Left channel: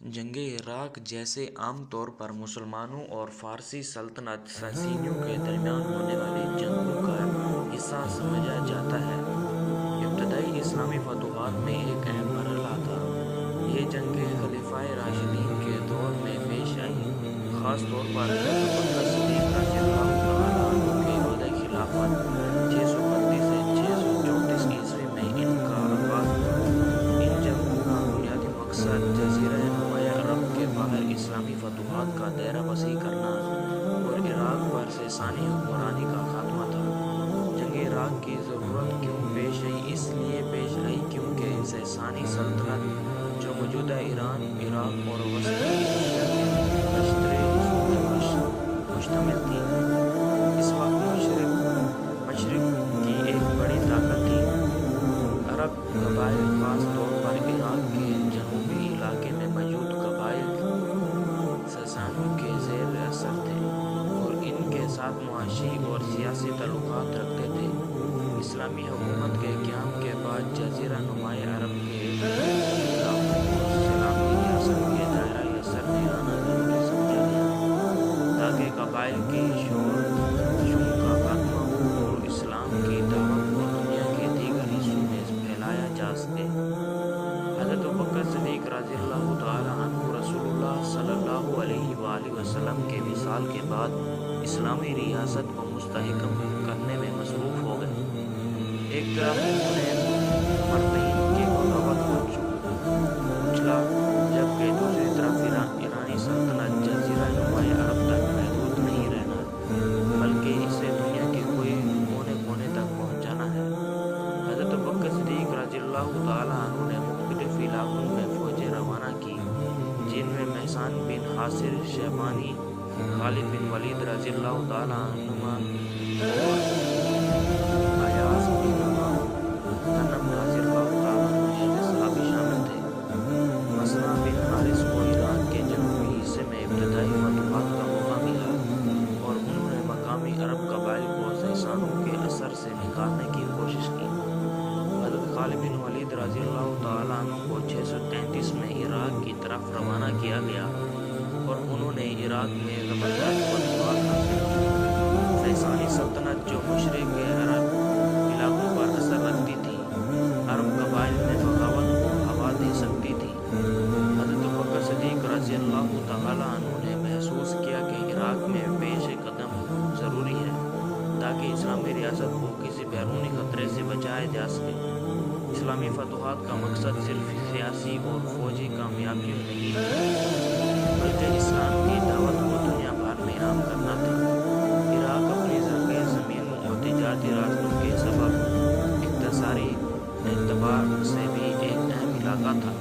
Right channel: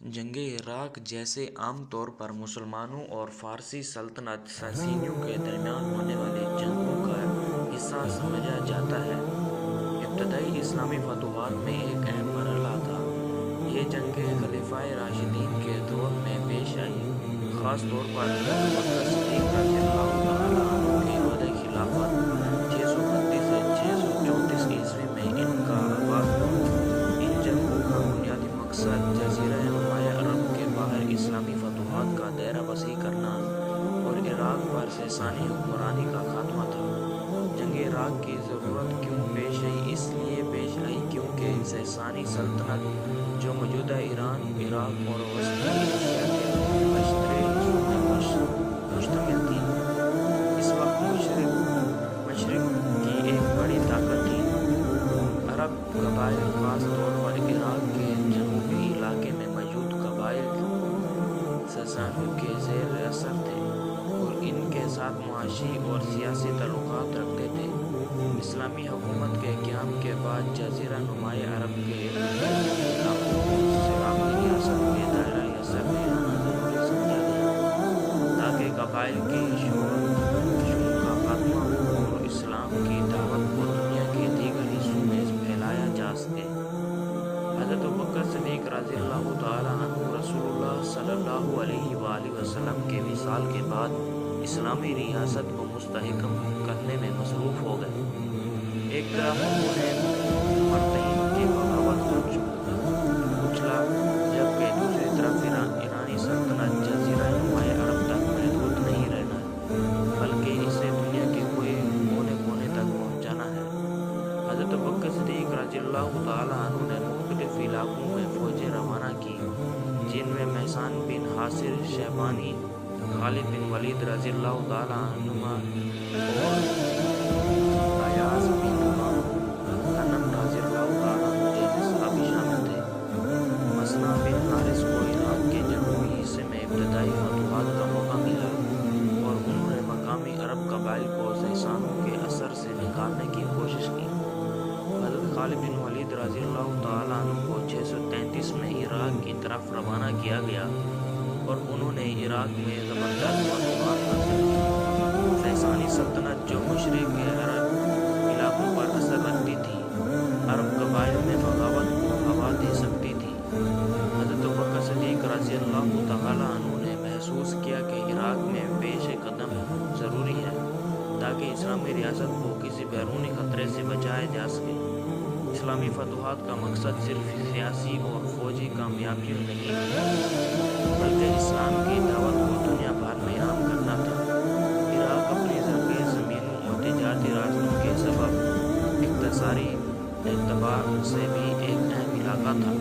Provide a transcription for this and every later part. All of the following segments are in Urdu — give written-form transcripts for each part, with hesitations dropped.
جنگ عراق جیسے عام طور پر مسلمانوں اور فارسی سلطنت ساسانیوں کے درمیان ہونے والی جنگوں کا حصہ سمجھا جاتا ہے۔ ابتدائی اسلامی فتوحات میں ایک اہم مرحلہ تھا۔ یہ جنگیں خلفائے راشدین کے دور میں پیش آئیں، خاص طور پر حضرت ابوبکر صدیق رضی اللہ تعالیٰ عنہ کے عہدۂ خلافت 632 سے 634 عیسوی میں ان کا آغاز ہوا۔ ان جنگوں کا بنیادی مقصد جزیرہ نمایاں عرب کے باہر اسلامی فتوحات کا دائرہ وسیع کرنا اور عراق پر ساسانی حکمرانی کا خاتمہ تھا۔ جنگ عراق کی ضرورت کیوں پیش آئی؟ اس لیے پیش آئی کیونکہ ساسانی سلطنت، جو موجودہ ایران، عراق اور وسطی ایشیا کے بیشتر حصوں میں مشتمل تھی، اس وقت مشرق کی ایک بڑی طاقت تھی۔ عرب قبائل، خاص طور پر عراق کے جنوبی علاقے میں موجود قبائل، ساسانیوں کے زیر اثر تھے اور ان کے ساتھ معاشی اور سیاسی تعلقات رکھتے تھے۔ اسلامی حکومت کے قیام کے بعد جزیرہ نمایاں عرب کے ارد گرد علاقوں کو اسلامی ریاست کے دائرۂ اثر میں لانا ضروری سمجھا گیا، تاکہ قبائل کی شورشوں کا خاتمہ ہو اور اسلام کی دعوت کو دنیا کے دیگر حصوں میں پھیلایا جا سکے۔ حضرت ابوبکر صدیق رضی اللہ تعالیٰ عنہ رسول اللہ صلی اللہ علیہ وآلہ وسلم کے وصال کے بعد اسلامی ریاست کو مستحکم کرنے میں مصروف ہو گئے۔ ایک طرف انہوں نے مرتدین کی بغاوت کو کچلا، جبکہ دوسری طرف ایرانی سلطنت جزیرہ نمایاں عرب تک محدود نہیں رہنا بلکہ اسے دنیا کے کوئی کونے کونے تک پہنچانا ہے۔ حضرت ابوبکر صدیق رضی اللہ تعالیٰ عنہ نے مختلف علاقوں میں فوجیں روانہ کی، جن میں محسن بن حاصر شیبانی، خالد بن ولید رضی اللہ تعالیٰ عنہما اور ایاز بن غنم رضی اللہ تعالیٰ عنہ جیسے صحابی شامل تھے۔ مسنا بن حارث کو عراق کے جنوبی حصے میں ابتدائی فتوحات کا موقع ملا اور انہوں نے مقامی عرب قبائل کو ساسانوں کے اثر سے نکالنے کی کوشش کی۔ حضرت خالد بن ولید رضی اللہ تعالیٰ عنہ کو 633 میں عراق کی طرف روانہ کیا گیا اور انہوں نے عراق میں زبردست فتوحات حاصل کی۔ ساسانی سلطنت، جو مشرق کے عرب علاقوں پر اثر رکھتی تھی، عرب قبائل میں بغاوت کو ہوا دے سکتی تھی۔ حضرت ابوبکر صدیق رضی اللہ تعالیٰ عنہ نے محسوس کیا کہ عراق میں پیش قدم ضروری ہے تاکہ اسلامی ریاست کو کسی بیرونی خطرے سے بچایا جا سکے۔ اسلامی فتوحات کا مقصد صرف سیاسی اور فوجی کامیابیوں نہیں تھی، بلکہ اسلام کی دعوت کو دنیا بھر میں عام کرنا تھا۔ عراق اپنی زرخیز زمینوں اور تجارتی راستوں کے سبب اقتصادی اعتبار سے بھی ایک اہم علاقہ تھا۔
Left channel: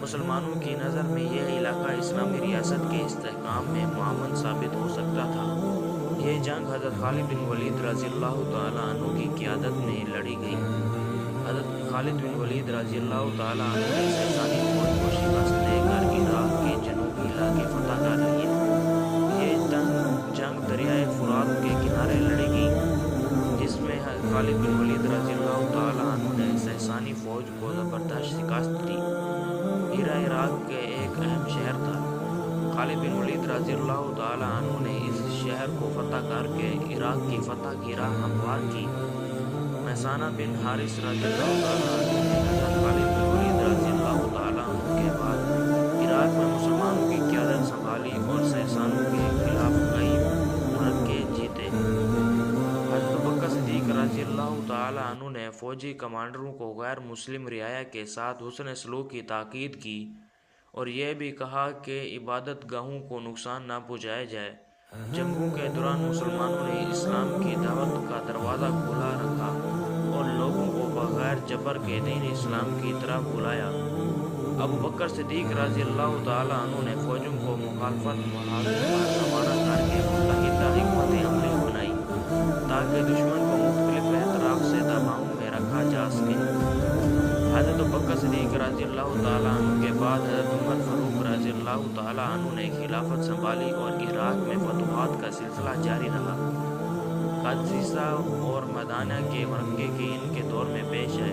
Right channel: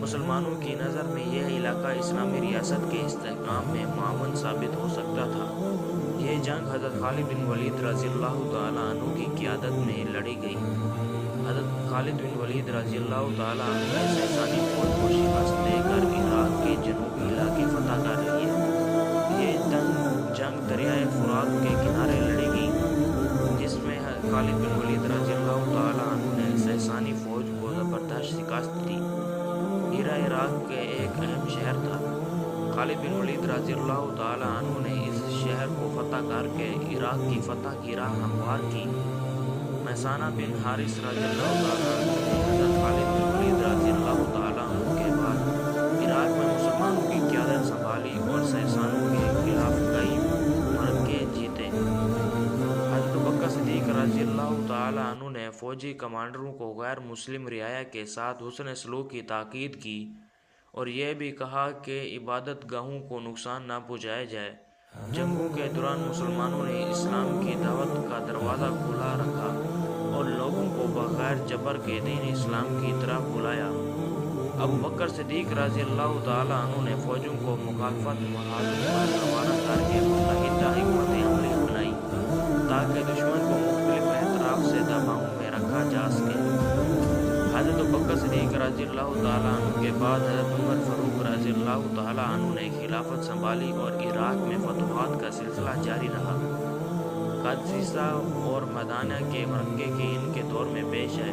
مسلمانوں کی نظر میں یہ علاقہ اسلامی ریاست کے استحکام میں معاون ثابت ہو سکتا تھا۔ یہ جنگ حضرت خالد بن ولید رضی اللہ تعالیٰ عنہ کی قیادت میں لڑی گئی۔ حضرت خالد بن ولید رضی اللہ تعالیٰ عنہ نے ساسانی فوج کو شکست دے کر عراق کے جنوبی علاقے فتح کر لیے۔ یہ جنگ دریائے فرات کے کنارے لڑی گئی، جس میں خالد بن ولید رضی اللہ تعالیٰ عنہ نے ساسانی فوج کو زبردست شکست دی۔ ہیرا عراق کے ایک اہم شہر تھا۔ خالد بن ولید رضی اللہ تعالیٰ عنہ نے اس شہر کو فتح کر کے عراق کی فتح کی راہ ہموار کی۔ محسن بن حارث رضی اللہ تعالیٰ عنہ نے حضرت خالد بن ولید رضی اللہ تعالیٰ عنہ کے بعد عراق میں مسلمانوں کی قیادت سنبھالی اور ساسانوں کے خلاف کئی معرکے جیتے۔ حضرت ابوبکر صدیق رضی اللہ تعالیٰ عنہ نے فوجی کمانڈروں کو غیر مسلم رعایا کے ساتھ حسن سلوک کی تاکید کی اور یہ بھی کہا کہ عبادت گاہوں کو نقصان نہ پہنچایا جائے۔ جنگوں کے دوران مسلمانوں نے اسلام کی دعوت کا دروازہ کھلا رکھا اور لوگوں کو بغیر جبر کے دین اسلام کی طرف بلایا۔ ابوبکر صدیق رضی اللہ تعالیٰ عنہ نے فوجوں کو مخالفت محاذوں پر روانہ کر کے متحدہ حکمت عملی اپنائی تاکہ دشمن کو مختلف اطراف سے دباؤ میں رکھا جا سکے۔ حضرت ابوبکر صدیق رضی اللہ تعالیٰ عنہ کے بعد حضرت عمر فاروق رضی اللہ تعالیٰ عنہ نے خلافت سنبھالی اور عراق میں فتوحات کا سلسلہ جاری رہا۔ قادسیہ اور مدائنہ کے معرکے ان کے دور میں پیش آئے۔